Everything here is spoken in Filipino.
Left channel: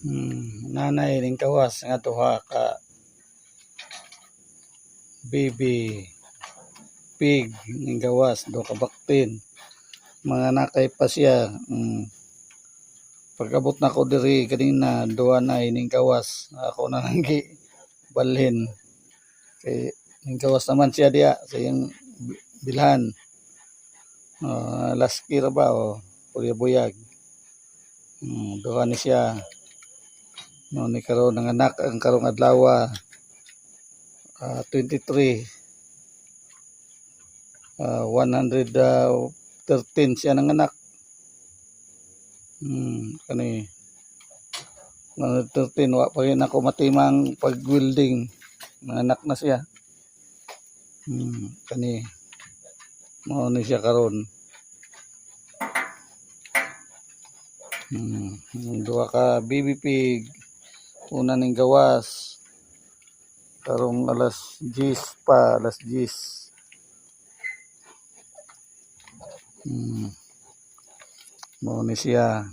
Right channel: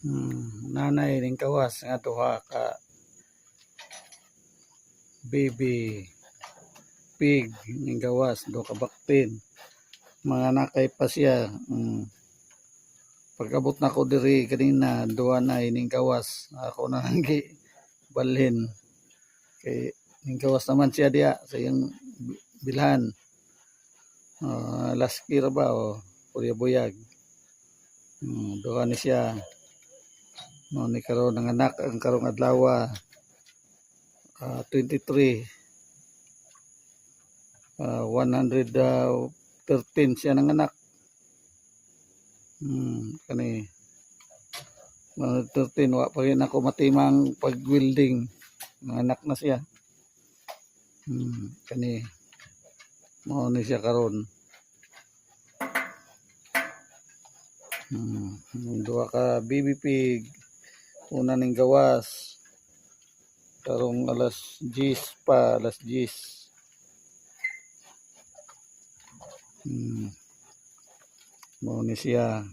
Nanay ning kawas nga duha ka baby pig ning gawas, duha ka baktin. Mga nakay pa siya. Pagkabot na ko diri kanina, duha na ning gawas. Ako na lang balhin. Kay ning gawas naman siya diya sa iyang bilhan. Laski ra ba o buyag. Duha ni siya. No ni karon nanganak ang karong adlaw 23 113 siya nanganak. Kani 113 wa pa rin ako matimang pag-welding. Nanganak na siya. Kani mao ni siya karon. Duha ka baby pig. Una ning gawas. Karong alas 10 pa, alas 10. Mao ni siya.